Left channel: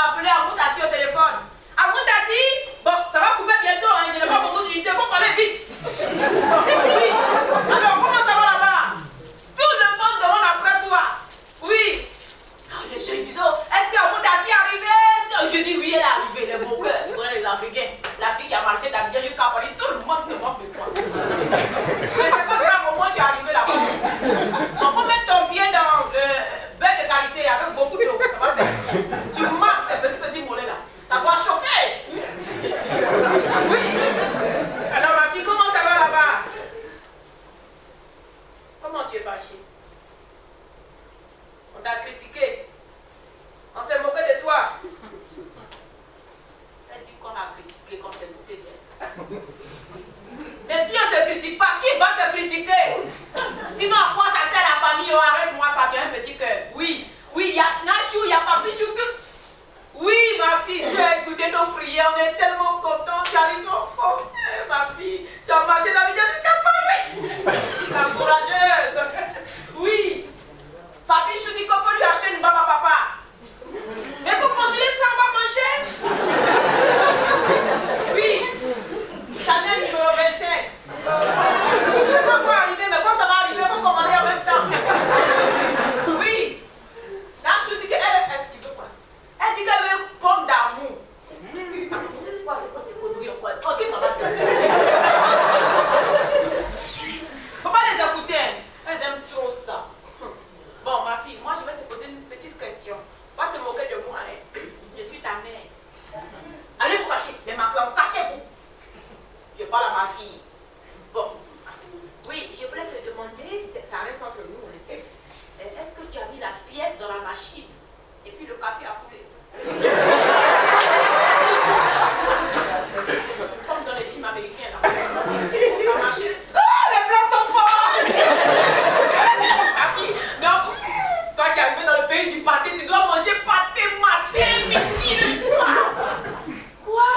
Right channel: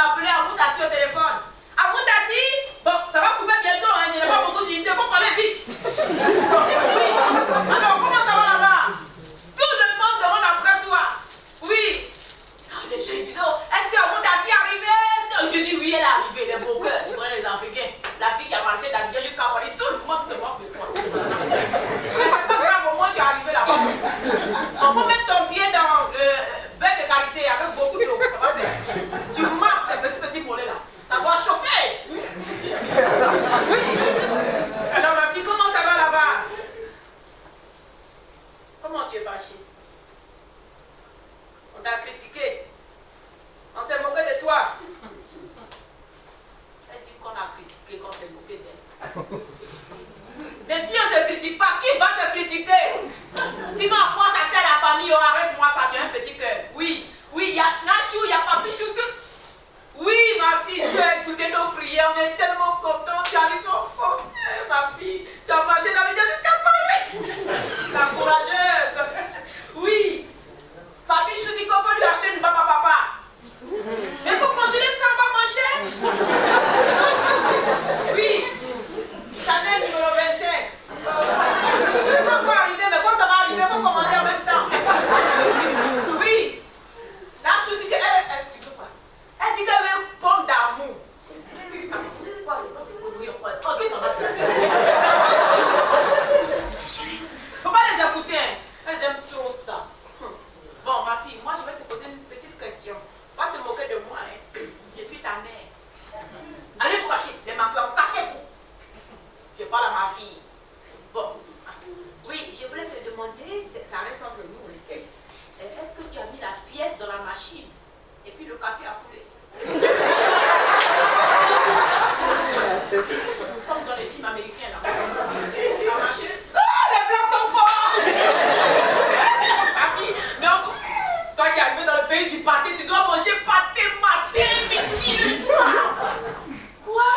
m'a appelé Amou Tati au téléphone. Amou Tati, bon, ça va couper bientôt, hein, je n'ai pas beaucoup d'unité, il faut parler vite. Oui. Alors, comment ça va là-bas? Tout le monde demande après toi. Oui. Les gens disent, oh, est-ce que Amou Tati est arrivée? Je dis oui, elle est arrivée, les beaux cœurs, tu connais les Africains. La fille qui a marché d'Abidjan jusqu'à Paris, tout le monde se moque de toi. Mais c'est pas grave, au moins tu es arrivé là-bas. Il faut mettre ton pied dans le bain de qualité avec beaucoup d'eau, ça va faire. Tu masses tes petits mollets là. Ça doit chauffer. Oui. Alors ma fille, comment ça va là-bas? Comment tu es fâchée? On t'a critiqué. On s'est moqué de toi. Elle dit qu'on a critiqué, qu'on s'est moqué d'elle. Mais si on ne te critique pas, qui va te critiquer? Sinon, à quoi ça sert la famille? Oh, arrête-moi ça, tu as un petit cœur. Oui, il y a Nachou, il y a Papichou, tout. Oui, ma fille, tu as écouté nos prières, on est tellement contents. Tu arrives en France, ma fille. Tu as marché d'Abidjan jusqu'à Paris. La courageuse. Oui. Papichou dit qu'on peut lui acheter une baba papa. Mais il faut congeler ça, on va manger. Oui. Chanel numéro 25. Je ne sais pas quoi arriver, mais quand ça va arriver, il faut commander en même temps. Oui. Là, je dis qu'elle tu veux quoi? Elle dit qu'elle veut une pomme d'amour. C'est quoi le côté produit? Ok, maman. Faut pas les écouter. Elles aiment trop ça. Bon, ma fille, moi, je vais te poser une petite question. Pas te moquer de moi, hein. Je suis ta mère. Allez vous cacher. Les maplans, cachez-vous. Je parle à ma fille. Bon. Oui, je voulais te demander, ça reste entre nous. Est-ce que tu as mis la pièce dans la machine? Et puis le café a coulé. Comme dans les films américains, là. Ça a marché. Ah, les plans sont forts. Non, toi qui es arrivé dans le pays du pâté, tu dois manger pâté matin, midi, le soir. Quoi?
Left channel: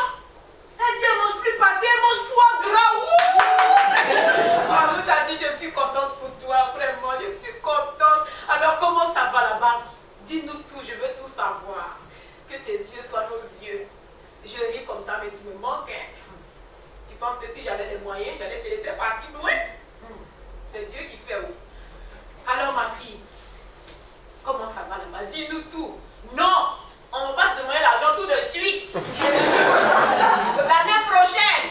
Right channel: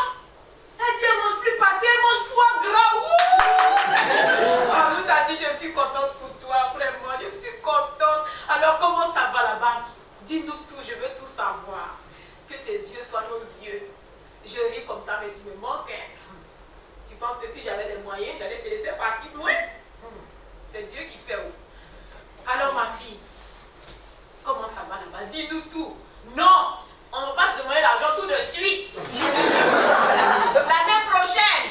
Elle dit, elle mange plus pâté, elle mange foie gras. Ah, nous t'a dit, je suis contente pour toi, vraiment, je suis contente. Alors, comment ça va là-bas? Dis-nous tout, je veux tout savoir. Que tes yeux soient nos yeux. Je ris comme ça, mais tu me manques. Hein. Tu penses que si j'avais des moyens, j'allais te laisser partir loin? C'est Dieu qui fait où? Alors, ma fille, comment ça va là-bas? Dis-nous tout. Non, on ne va pas te demander l'argent tout de suite. L'année prochaine.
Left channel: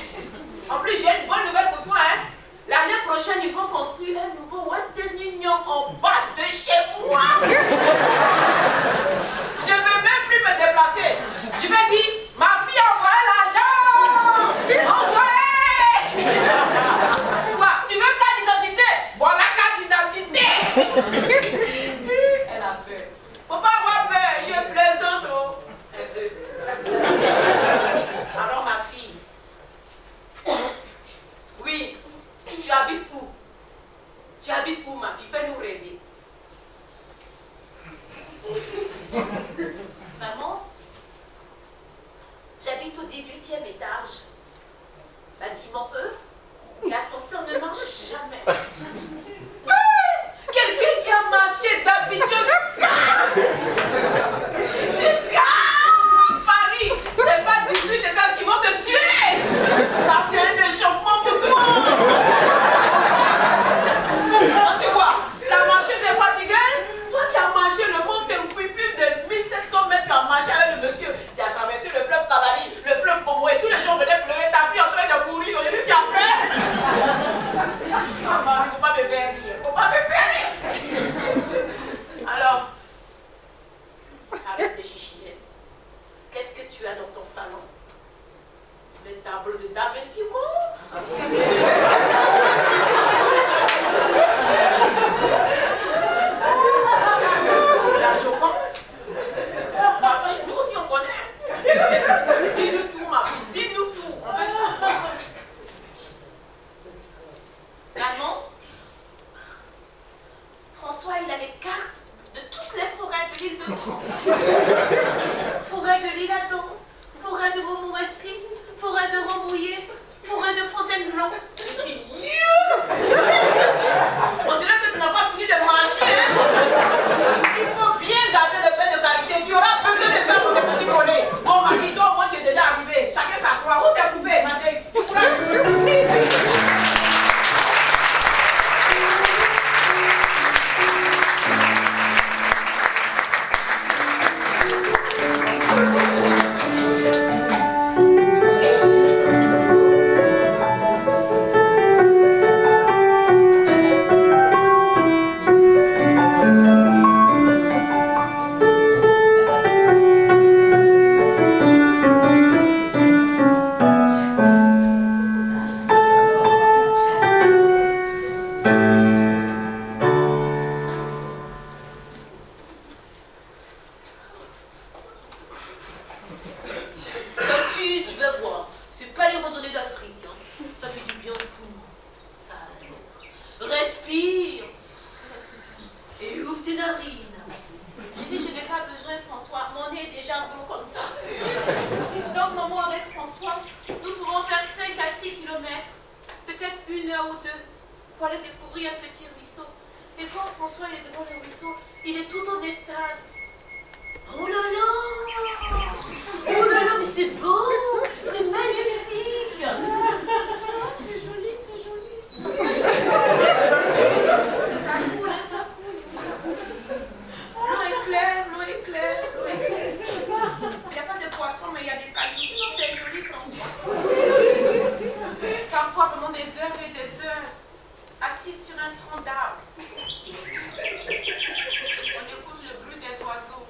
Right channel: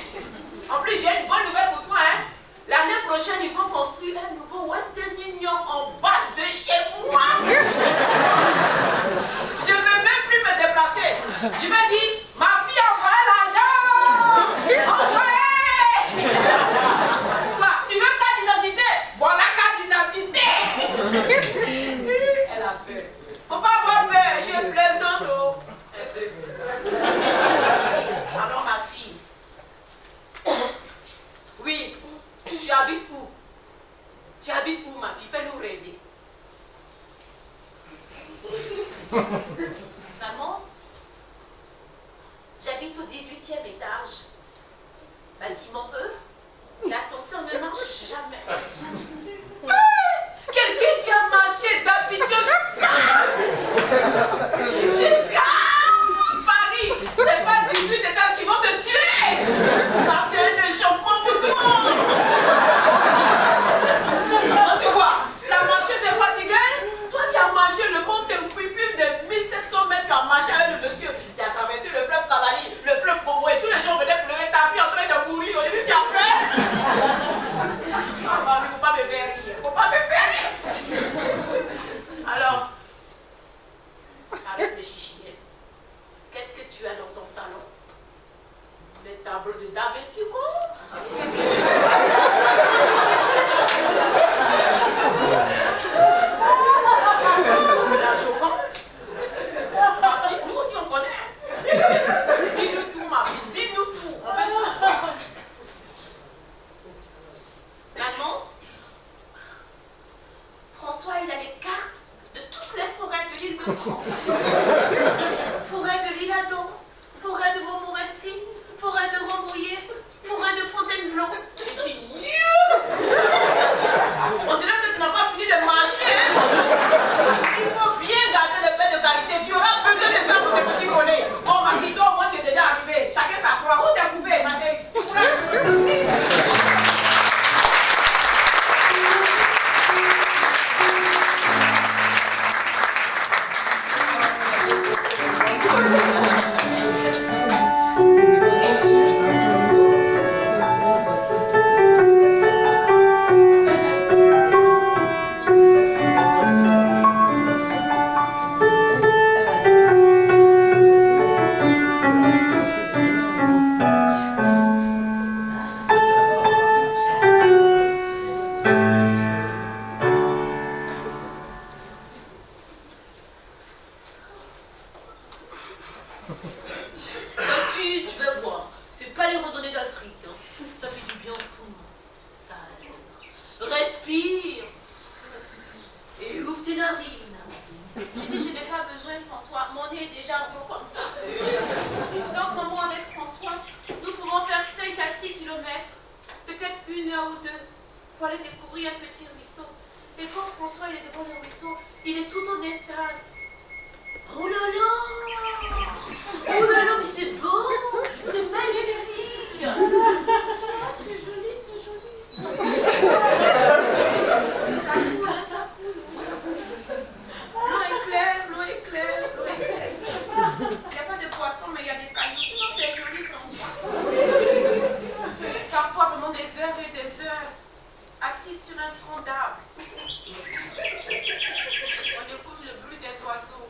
En plus, j'ai une bonne nouvelle pour toi. Hein? L'année prochaine, ils vont construire un nouveau Western Union en bas de chez moi. Je ne vais même plus me déplacer. Je vais dire, ma fille a envoyé l'argent. Envoyé. Quoi? Tu veux carte d'identité? Voilà carte d'identité. Elle a peur. Faut pas avoir peur, je plaisante. Oh. Alors ma fille, oui, tu habites où? Tu habites où ma fille? Fais-nous rêver. Maman, j'habite au 18e étage. Bâtiment E, l'ascenseur ne marche jamais. Quelqu'un qui a marché d'Abidjan jusqu'à Paris. C'est pas 18 étages qui vont te tuer. Ça, c'est un échauffement pour toi. On dit quoi? T'as marché, t'es fatigué? Toi qui as marché le mont Tempuipul de 1700 mètres, tu as marché avec le monsieur. Tu as traversé le fleuve Cavali, le fleuve Como et tous les gens venaient pleurer. Ta fille en train de mourir. Aujourd'hui, tu as peur. Maman, faut pas me faire rire. Faut pas me faire rire. Alors, arrête de chichiner. Qu'est-ce que tu as dans ton salon? Les tableaux de Da Vinci, quoi? La Joconde? Matisse, nous aussi on connaît. Dis-nous tout, ma fille. Dis-nous tout. On veut ça. Maman, François, il a les cartes de toutes les forêts de l'île de France. Forêt de l'Isle-Adam, forêt de Montmorency, forêt de Rambouillet, forêt de Fontainebleau. Je dis, on dirait que tu n'as pas fini de marcher. Hein? Il faut bien garder le pain de qualité. Tu auras besoin de ça pour tes petits collègues. Marine. J'ai dit, je n'ai pas besoin, François. Mon nez est déjà gros comme ça. Donc, maman, avec François, nous pouvons faire 5 à 6 kilomètres, peut-être 1 heure ou 2, pour aller découvrir un petit ruisseau. Et quand François il est devant le ruisseau, il est tout en extase. Oh là là! Oh là là, mais c'est beau! C'est magnifique! C'est joli, c'est joli. Ça coule, hein, ça coule. L'eau est claire, l'eau est claire, l'eau est claire. Il n'y a pas de poisson, mais il y a des cailloux. Sinon, c'est joli, François. Parfois, pendant des heures et des heures, assis sur un tronc d'arbre, on écoute le bruit des oiseaux.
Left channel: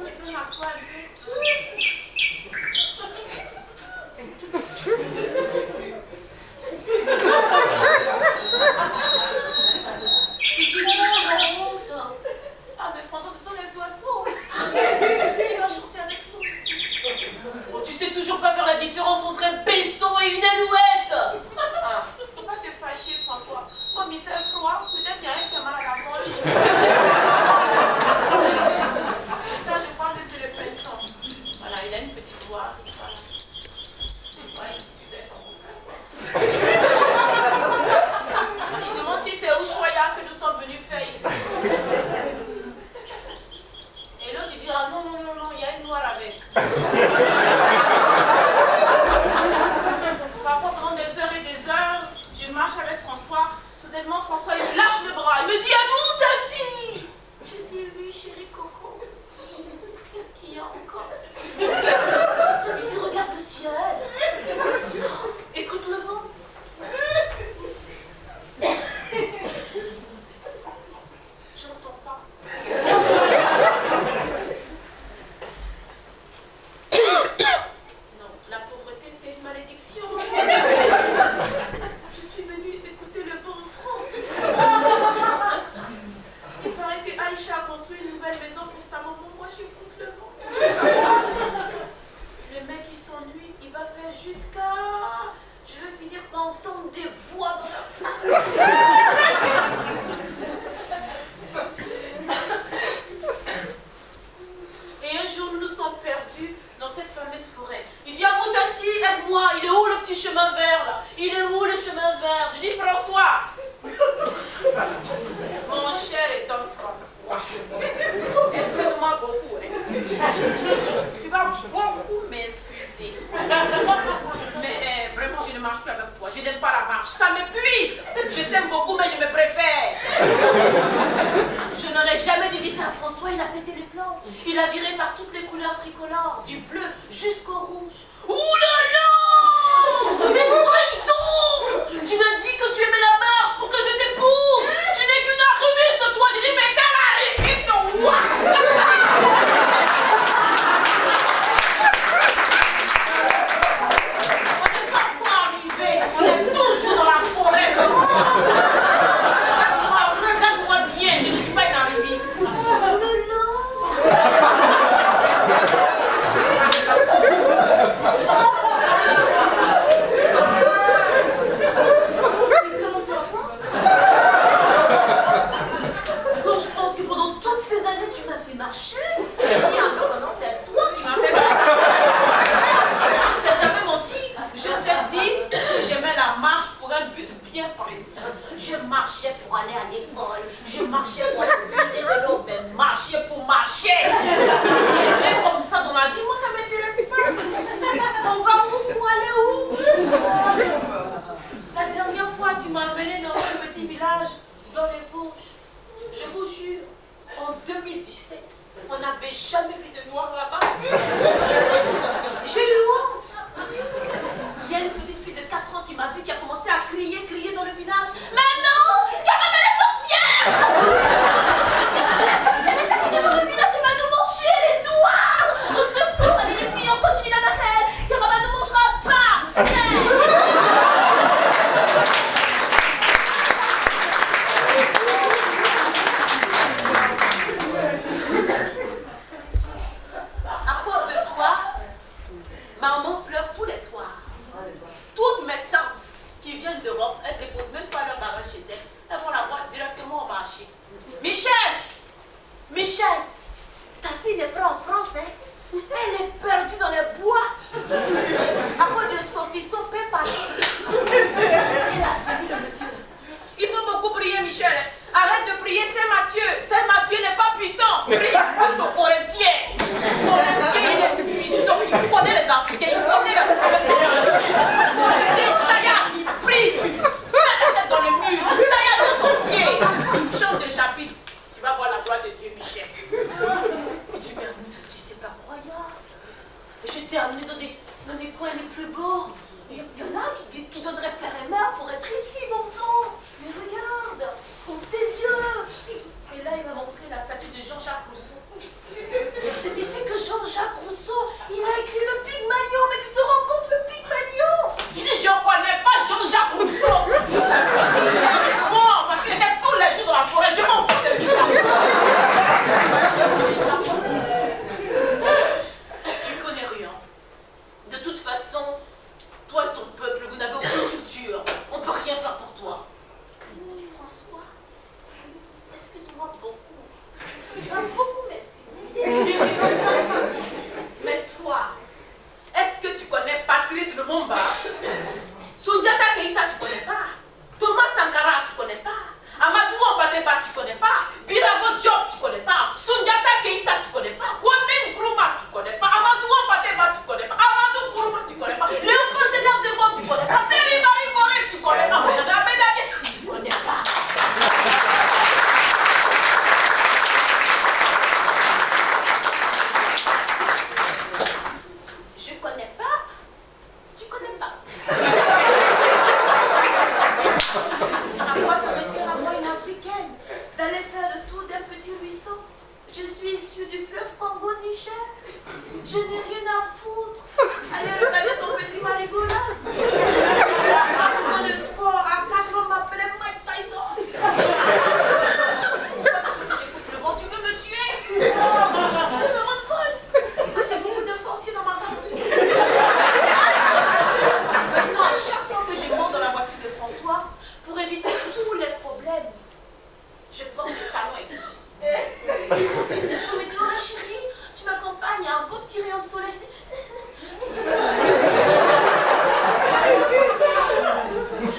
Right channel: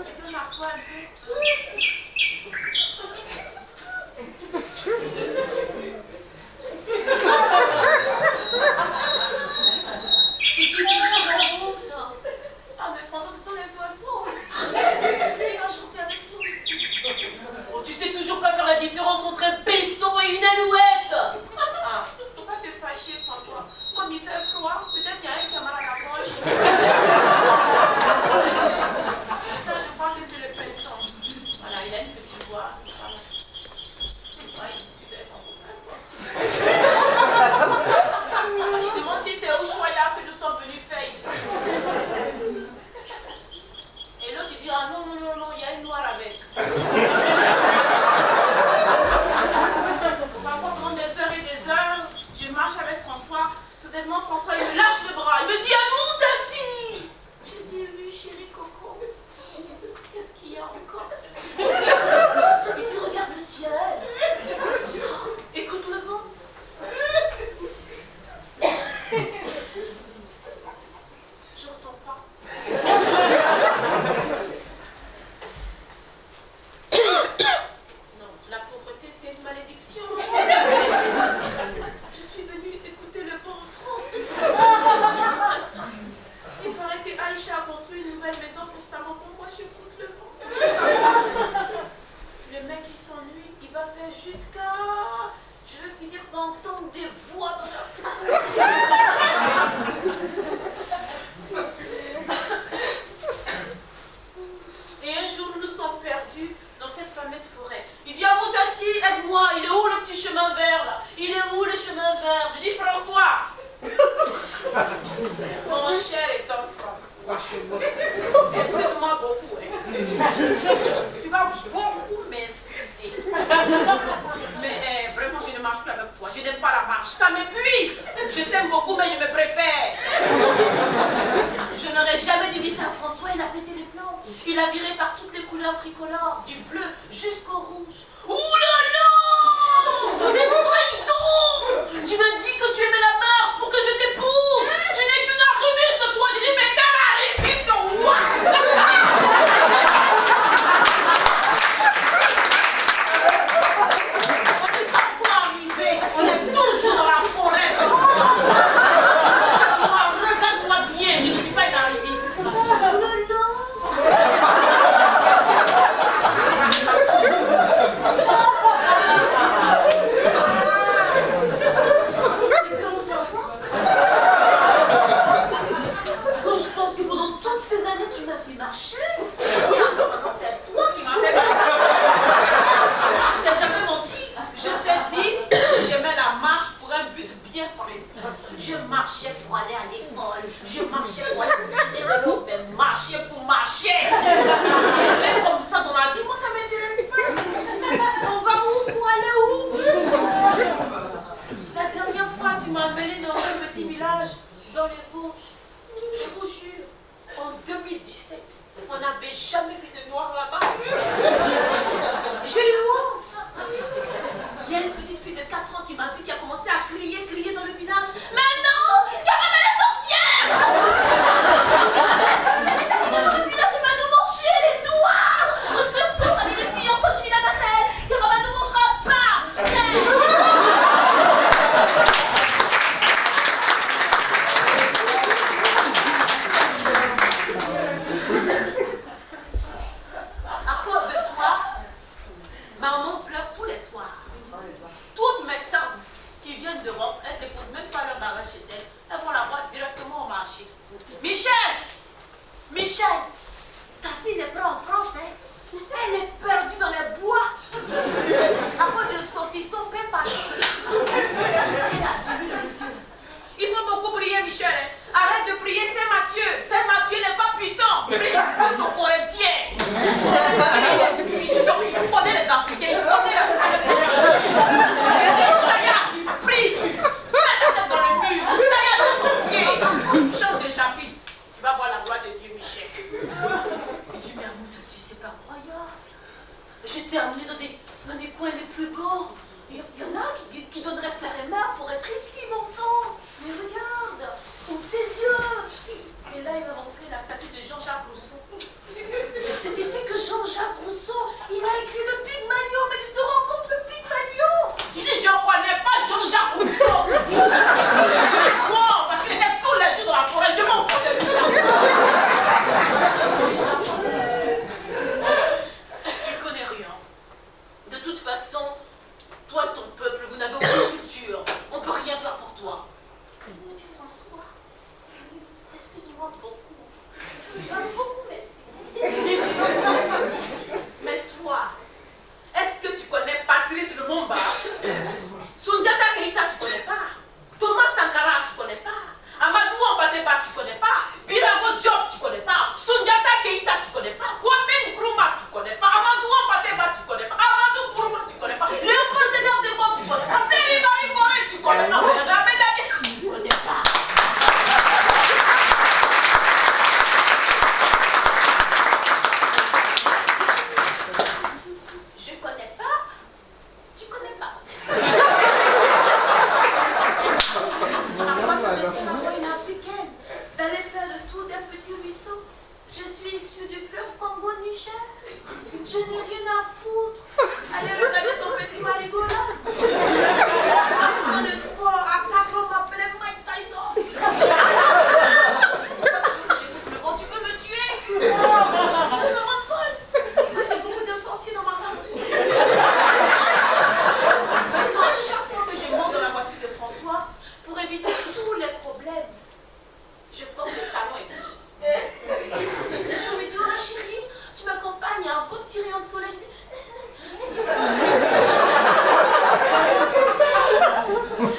Je peux m'asseoir un peu. C'est qui chante? Ah mais François, ce sont les oiseaux. Il va chanter avec nous aussi. Oh, tu sais toujours pas faire la différence entre un pinson et une alouette. Ah, faut pas te fâcher, François. Comme il fait froid, peut-être il y a un qui a mal à la poche. Ça, je crois que c'est le pinson. Voilà, il a une petite voix. Voilà. Ouais, il discute avec son copain, quoi. Il demande si c'est Ushuaïa que nous sommes venus faire ici. Et l'autre il dit, ah non, non, non, non, il y a une noire avec. Parfois, pendant des heures et des heures, je marche avec François. Soudainement, François, il me lâche le bras. Il me dit, à nous, Tati. Je dis, oui, chérie Coco. Qu'est-ce qu'il y a encore? Il dit, regarde le ciel. Écoute le vent. J'entends pas. Non, la pauvreté, c'est une malédiction. Je suis venue écouter le vent en France. Il paraît que Aïcha a construit une nouvelle maison pour sa maman. Moi, j'écoute le vent. Le mec, il s'ennuie. Il va faire jusqu'à... Je vais finir par entendre des voix dans la fenêtre. Et un jour, nous nous sommes perdus dans cette fameuse forêt. Il dit, ah mon Tati, aide-moi, il est où le petit chemin vert là? Il est où le chemin vert? Je dis, François. Mon cher et homme François. Excuse-moi beaucoup, hein. Tu vas beaucoup m'excuser. Mais vraiment, je ne marche plus avec toi. Je n'aime pas la marche. Ça m'épuise. Je t'aime beaucoup, mais je me préfère. Je n'aurais jamais dû dire ça à François. Il a pété les plombs. Il a viré par toutes les couleurs tricolores, du bleu jusqu'au rouge. Ouh là là! Mais trahison! Tu m'as dit que tu aimais la marche pour que je t'épouse. Tu n'es qu'une arriviste, toi. Je dis, mais quelle arriviste, what? On est toujours dans la forêt. Regarde-moi bien, je ne suis pas une arriviste. Oh là là. Comment ça va? Quand je pense que pendant toutes ces années tu m'as fait marcher. Non, non, non, c'est toi qui m'as fait marcher. Je t'ai jamais menti. Je t'ai dit que j'aimais la marche pour un but bien précis. Je marchais pour aller à l'école. Je marchais pour aller puiser de l'eau, mais marcher pour marcher. Et comme ça dans la vie, moi ça m'intéresse pas. On va où? Pour aller où? La dernière fois, tu m'as emmené dans un petit village dans les Vosges. Je vous jure, en 2017, on n'avait jamais vu de noir là-bas. J'ai eu honte. Il y a une petite fille de 4 ans qui m'a vu, qui a commencé à crier dans le village. Mais non, Caramel est sorcière! Elle est arrivée dans le village et m'a demandé, elle est noire! Au secours, allez les filles, on continue la bataille! Caramel ne mangera pas! t'ai amené dans des coins les plus beaux. Il y en a qui donneraient père et mère pour être ici, mon sang. Mais regarde, ouvre tes yeux. Et là, il m'a montré la statue de Jean-Jacques Rousseau. C'est ici que Jean-Jacques Rousseau, il a écrit le Pygmalion. Mais tu te rends compte, le Pygmalion? Je dis, je ne connais pas Jean-Jacques Rousseau. Non, parce qu'il était tous les jours dans la forêt. Je m'en fous de lui. Tu connais rien. De toute façon, toi et ton peuple, vous n'avez aucune culture. On ne peut rien faire pour toi. Petit François, excuse-moi beaucoup. Je dois beaucoup m'excuser. Mais toi, est-ce que tu connais Patrice Lumumba? Sundiata Keita, tu connais pas? Thomas Sankara, tu connais pas? Amadou Ampateba, tu connais pas? Birago Diop, tu connais pas? Sundiata Keita, tu connais pas? Kwame Nkrumah, tu connais pas? Amadou Ampateba, tu connais pas? Amadou Nkrumah, tu connais pas? Léopold Sédar Senghor, tu connais pas? Serigne Marie Corée, tu connais pas? Rabé Dadié, tu connais pas? Je connais pas. Tu connais pas. À quoi ça me sert à moi une africaine? D'aller faire le tour d'un petit ruisseau. Je suis issue du fleuve Congo-Niger. Je n'ai rien à foutre. Allez regarder ton petit marigot là. Apprends le sport. À 4 ans, on m'appelait Mike Tyson. Pourquoi tu veux que j'écoute le vent? Tu veux me tuer? Tu veux me rendre folle? Moi, j'ai beaucoup de sorciers dans ma famille. Maintenant, à chaque fois que je monte dans la voiture de François, pour éviter tous les problèmes, je porte des talons aiguilles. On me dit, oh la chérie, tu m'accompagnes à un beau petit rayon de soleil. Je dis,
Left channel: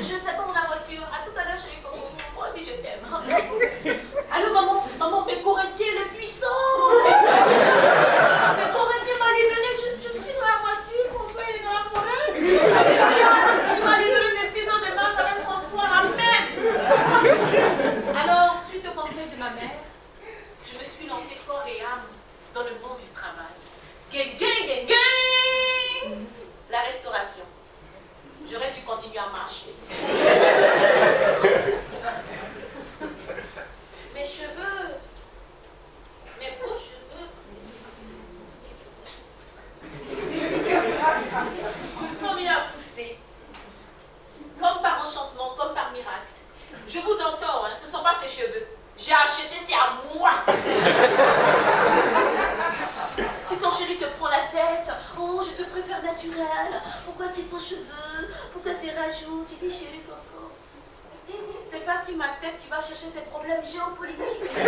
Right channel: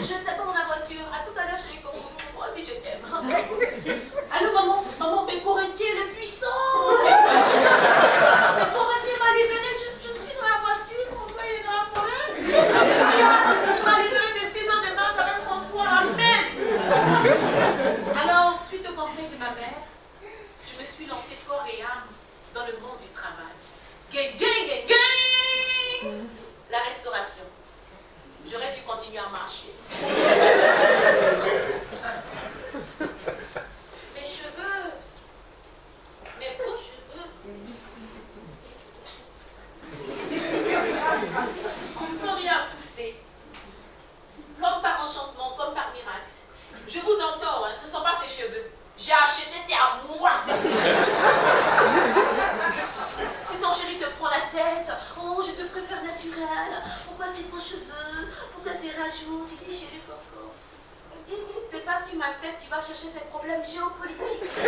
je t'attends dans la voiture. À tout à l'heure, chérie Coco. Moi aussi, je t'aime. Allô, maman, maman, mais Corinthien, il est puissant. Mais Corinthien m'a libéré. Je suis dans la voiture. François, il est dans la forêt. Alléluia. Il m'a libéré des 6 ans de marche avec François. Amen. Alors, suite au conseil de ma mère, je me suis lancée corps et âme dans le monde du travail. Gang, gang, gang, gang. La restauration. J'aurais dû continuer à marcher. Mes cheveux, mes beaux cheveux, ils sont mis à pousser. Comme par enchantement, comme par miracle. Je vous entends, hein, ce ne sont pas ses cheveux. J'ai acheté, c'est à moi. Si ton chéri te prend la tête, oh, je te préfère naturel. Pourquoi ces faux cheveux? Pourquoi ces rajouts? Tu dis chéri Coco. C'est pas sur ma tête, tu vas chercher tes problèmes géopolitiques. Si tu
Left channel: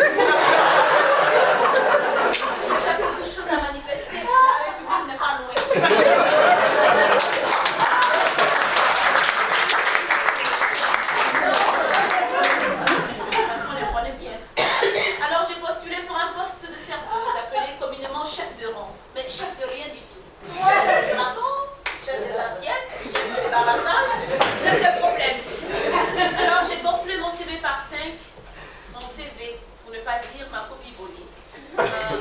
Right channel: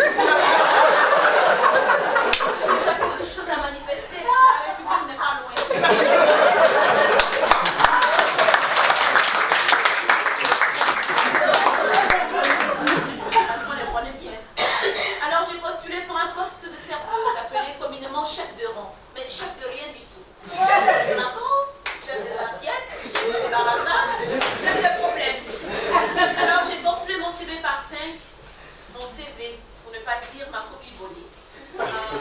as quelque chose à manifester, la République n'est pas loin. Alors j'ai postulé pour un poste de serveuse, appelé communément chef de rang, mais chef de rien du tout. Chef de raton, chef des assiettes, chef de débarrassage, chef de problème. Alors j'ai gonflé mon CV par 5, mon CV, pour ne pas dire ma copie volée.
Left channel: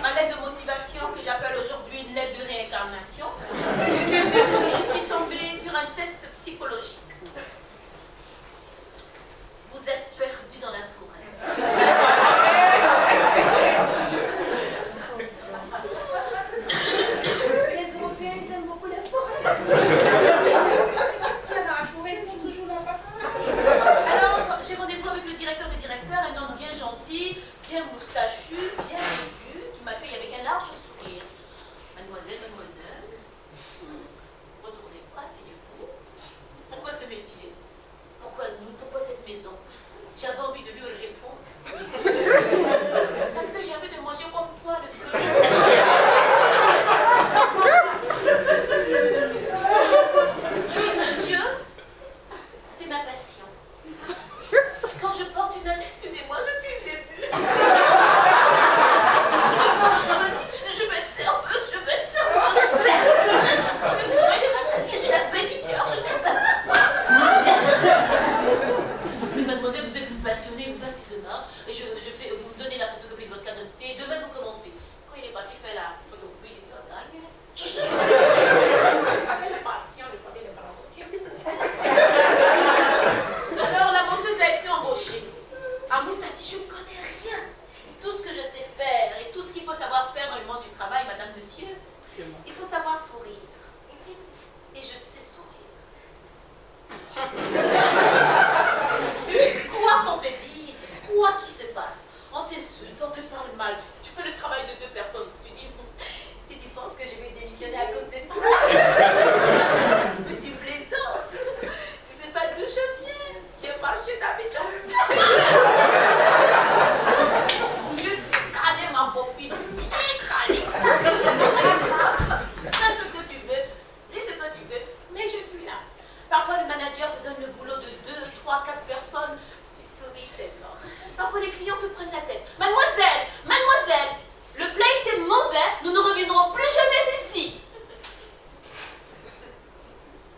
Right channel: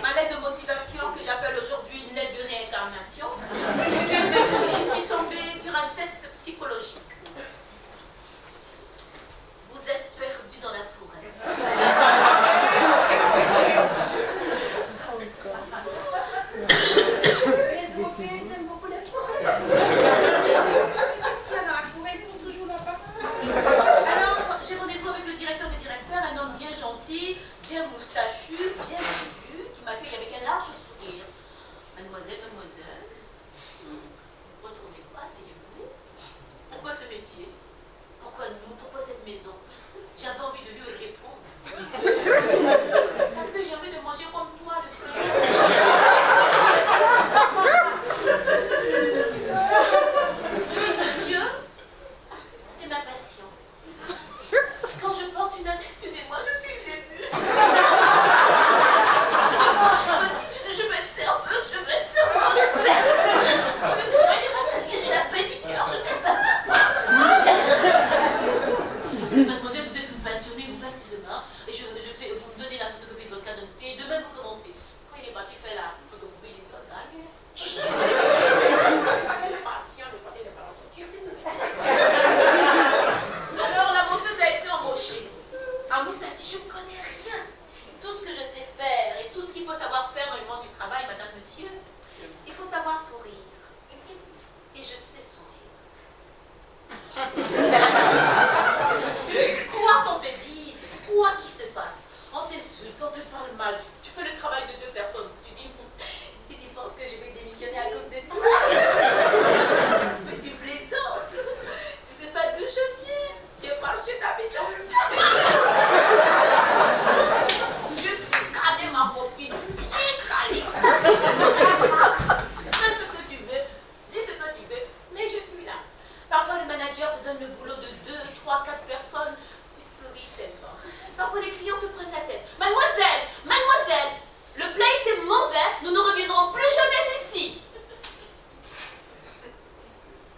Ma lettre de motivation que j'appelle aujourd'hui une lettre de réincarnation. Je suis tombée sur un test psychologique. Vous êtes perdu dans la forêt. Les Européens, ils aiment beaucoup les forêts. Qu'est-ce qu'il y a dans la forêt? Ils sont toujours là-bas. Alors, j'ai rendez-vous avec le directeur des directeurs, un homme bien gentil, bien moustachu, bien vêtu, qui m'accueille avec un large sourire. Mademoiselle, mademoiselle, retournez-vous, asseyez-vous. Pourquoi ce métier? Pourquoi nous? Pourquoi cette maison? J'avais envie de lui répondre. Parce que j'ai envie de manger comme toi, le fleur. Monsieur, c'est ma passion. Quand je porte une noce, excusez-moi, je suis émue. Je me dis, je veux être serveuse, je veux être serveuse. Le cœur, il est rassasié, j'ai la paix du cœur, je sais pas pourquoi. Mademoiselle, vous êtes une passionnée, vous passez demain, et vous me donnez la du travail, madame, monsieur, il faut savoir sourire. Et je sais sourire. Quoi qu'on te dise, quoi qu'il se passe, on t'insulte, on te parle mal, tu fais le travail de 2 personnes, tu dis, si tu penses que je vais démissionner à cause de toi, mais tu plaisantes, tu sais pas d'où je viens, je marche d'Abidjan jusqu'à je suis calée, ma copine, bien calée. Fais ce que tu veux, dis ce que tu veux, mais je suis là. Parfois, le manager te donne le boulot de 2, 3, 4 personnes, tu souris seulement. Parfois, les clients te prennent la tête. Mademoiselle, mademoiselle, le plat était mauvais, nous ne reviendrons plus jamais ici.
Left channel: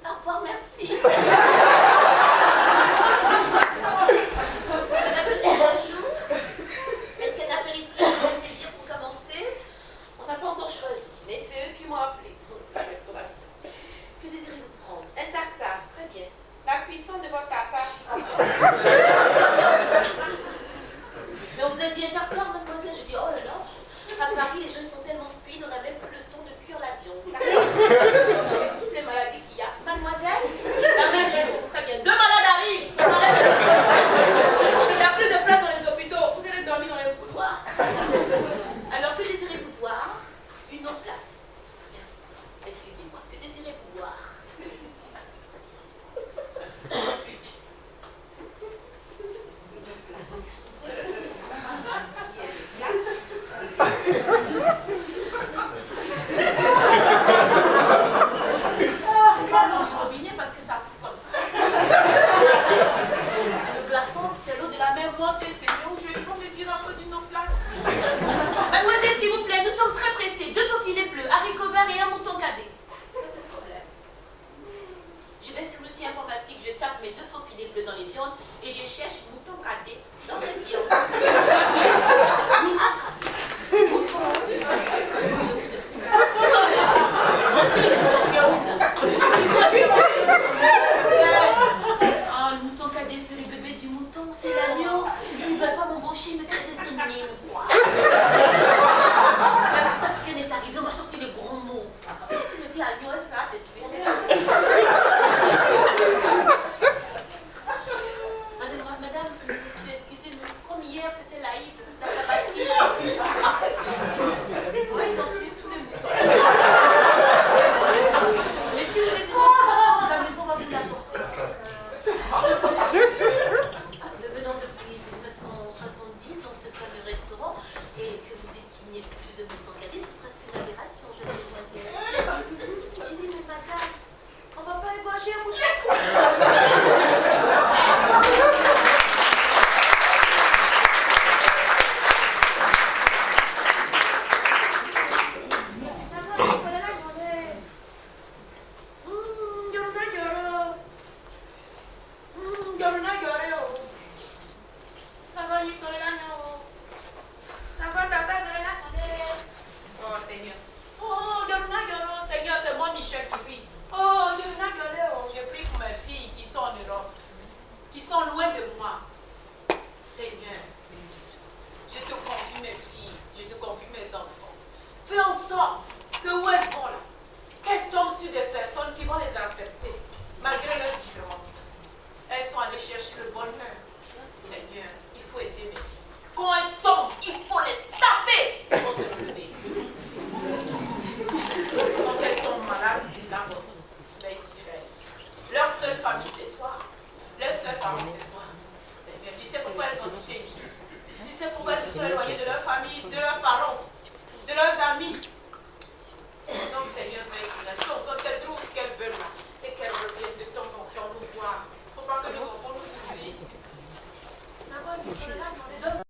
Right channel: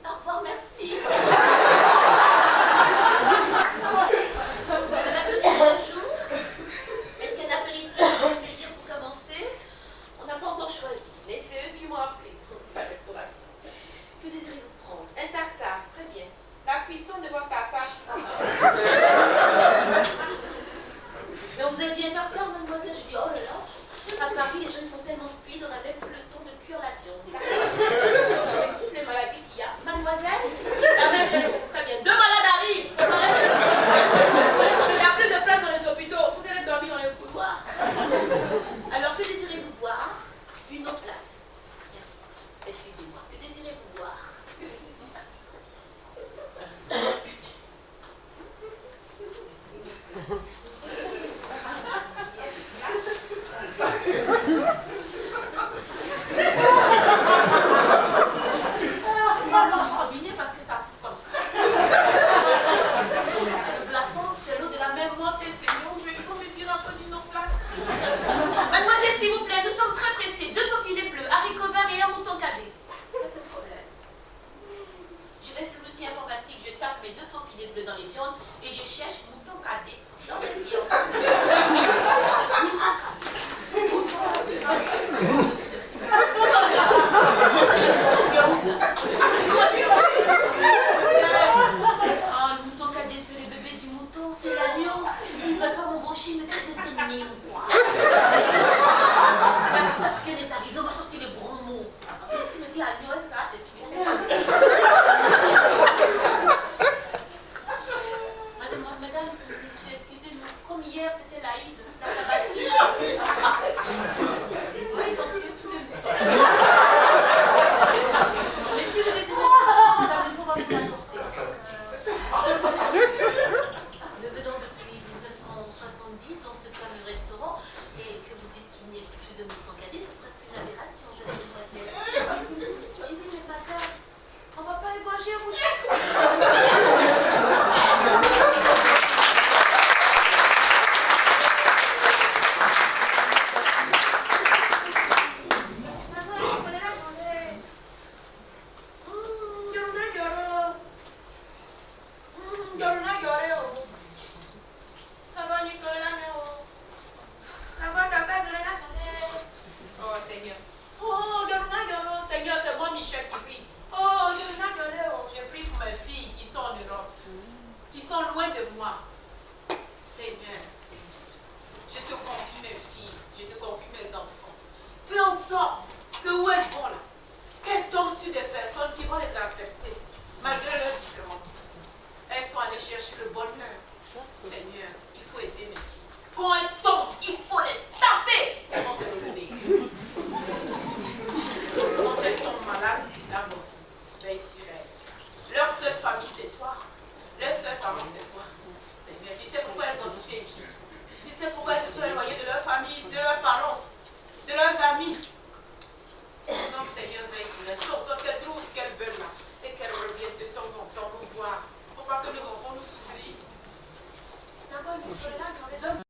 Au revoir, merci. Madame, monsieur, bonjour. Est-ce qu'un apéritif vous plaisir pour commencer? On n'a pas encore choisi, mais c'est eux qui m'ont appelé. C'est la restauration. Que désirez-vous prendre? Un tartare, très bien. La cuisson de votre tartare. Mais on vous a dit un tartare, mademoiselle? Je dis, oh là là, à Paris, les gens sont tellement speed, on n'a même plus le temps de cuire la viande. Avec toutes les maladies qu'il y a. Mademoiselle, la même chose. Très bien. 2 malades arrivent. Il n'y a plus de place dans les hôpitaux. Vous allez dormir dans les couloirs. Alors, que désirez-vous boire? Une eau plate. Merci. Excusez-moi. Que désirez-vous boire? L'eau du robinet parce que ça coûte comme ça. C'est le glaçon, c'est l'eau de la mer morte et c'est l'eau. Je vais me dire un peu d'une eau plate. Mademoiselle, s'il vous plaît, nous sommes très pressés. 2 faux filets bleus, haricots verts et un mouton cadet. Pas de problème. Je vais sur l'outil informatique, je tape mes 2 faux filets bleus dans les viandes et je cherche mouton cadet dans les viandes. Oh, le mouton cadet, c'est le bébé du mouton, c'est l'agneau. Ils ne veulent pas m'embaucher, ils me créent des ennemis ou quoi. La petite africaine est arrivée, on va sortir les gros mots. Tu me dis agneau, ça va te tuer. Madame, excusez-nous, comme hier c'était l'Aïd, la Tabaski. Ils ont tué tous les moutons. Mais si vous désirez autre chose, la maison va vous l'apporter. Nous venons depuis 1970 dans ce fameux restaurant et que vous dites qu'il n'y ait plus de mouton cadet, c'est presque une aberration, jeune demoiselle. J'ai dit, mais madame, on va pas égorger un mouton. Qui sont loin de moi. Seigneur, je te confie mes filles, je te confie mes enfants. Fais en sorte que où elles vont là, qu'elles tombent sur des personnes qui vont les accepter, malgré leurs différences. Elles sont allées chercher le bonheur. Seigneur, il faut aider mes filles. Quand elles tombent, il faut les taper pour se relever. Quand elles sont malades, d'abord, veille sur elles. Leur seule famille, c'est toi. Leur seule famille, c'est toi. Seigneur, tu sais pourquoi elles ont quitté ici. Tu sais pourquoi elles se sont éloignées de leur famille, de leurs parents, de leurs amis. Donc, Seigneur, veille sur elles. Fais en sorte qu'elles trouvent ce qu'elles veulent là. Et qu'elles reviennent de temps en temps nous voir. Pour pas que nos enfants nous oublient. D'abord, ils sont là, on les donne.